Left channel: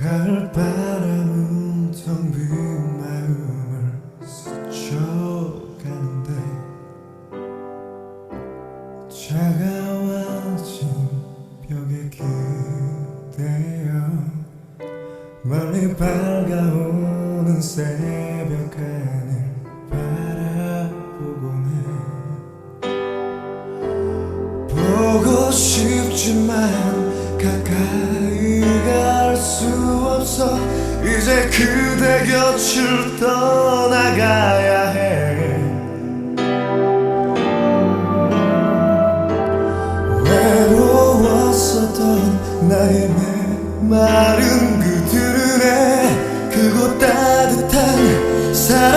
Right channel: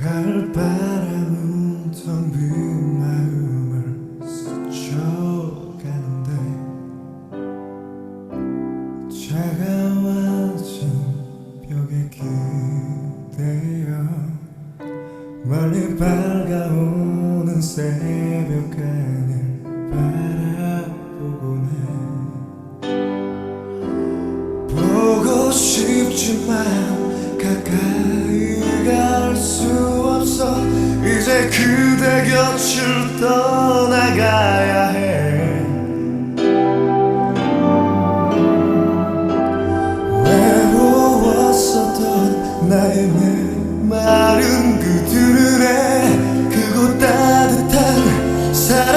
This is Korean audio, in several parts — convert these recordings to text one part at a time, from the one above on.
가을바람은 텅 빈 마음을 스쳐가는데 차가워진 벽에 기대어 멀리 밝아오는 새벽 하늘 바라보곤 해 보고 싶지만 가까이 갈수 없어. 이제 그대 곁을 떠나가야 해. 외로웠었던 나의 메마른 그 눈에 그곳 따뜻한 사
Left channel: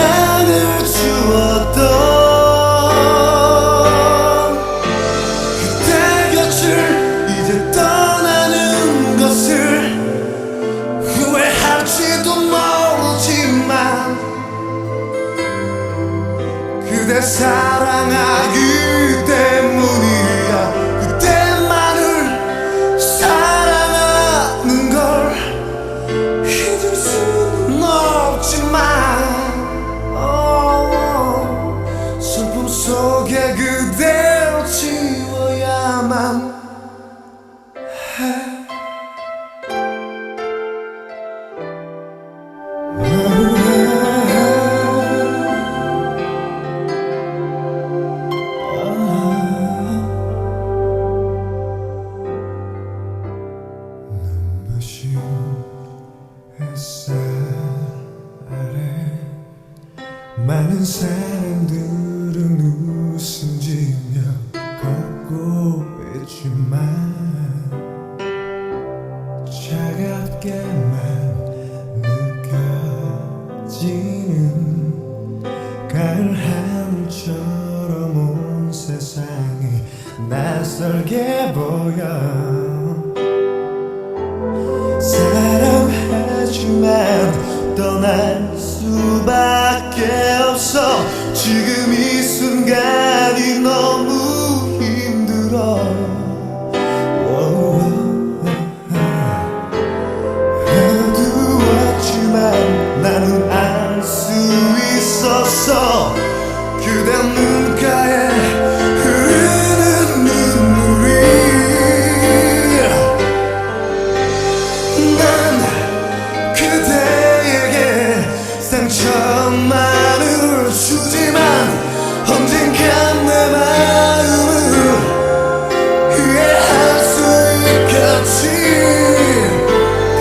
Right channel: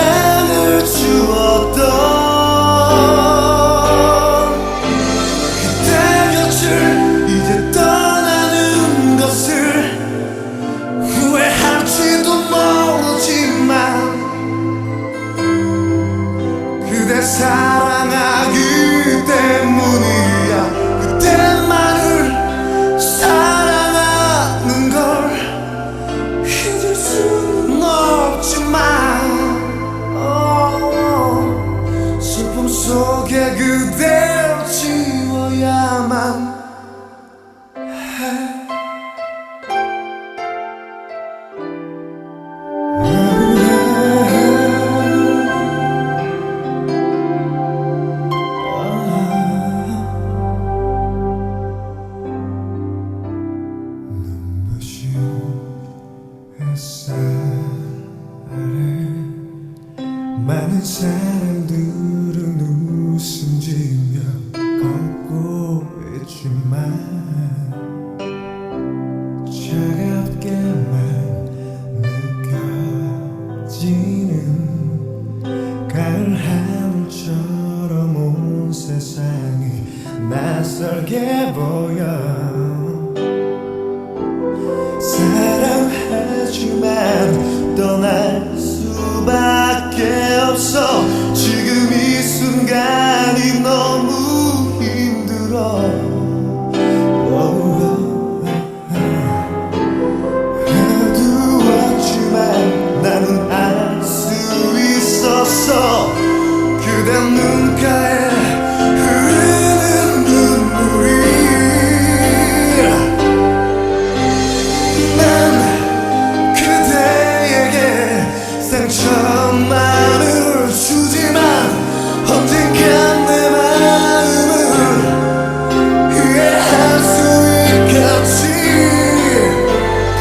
그대 사랑하기 때문이야. 그대만을 사랑하는 걸 잊을 수는 없지만 어, 슬픔 속에 그댈 지워야만 많은 사람들은 웃음 지며 걷고 있지만 차갑게만 느껴지는 가을 하늘처럼 온 세상이 낯설게 보여. 사랑하지만 떠날 수 밖에 없어. 지금 이 순간이 너무 힘들어. 어두웠지만 나는 알 수 있었어. 그대 눈 상처만을 주지만 언젠간 내 마음을 이해할 수 있겠지.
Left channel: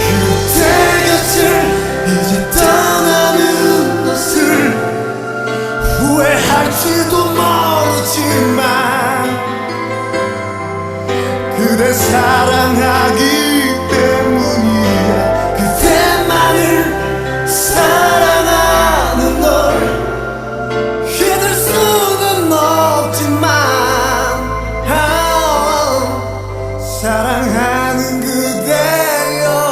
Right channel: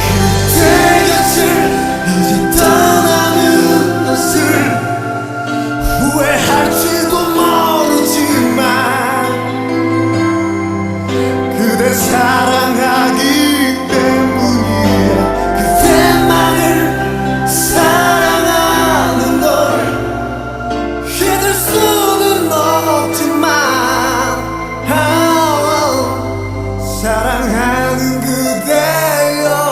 그대 곁을 이제 떠나는 것을 후회할지도 모르지만 그대 사랑하기 사랑하는 그대여.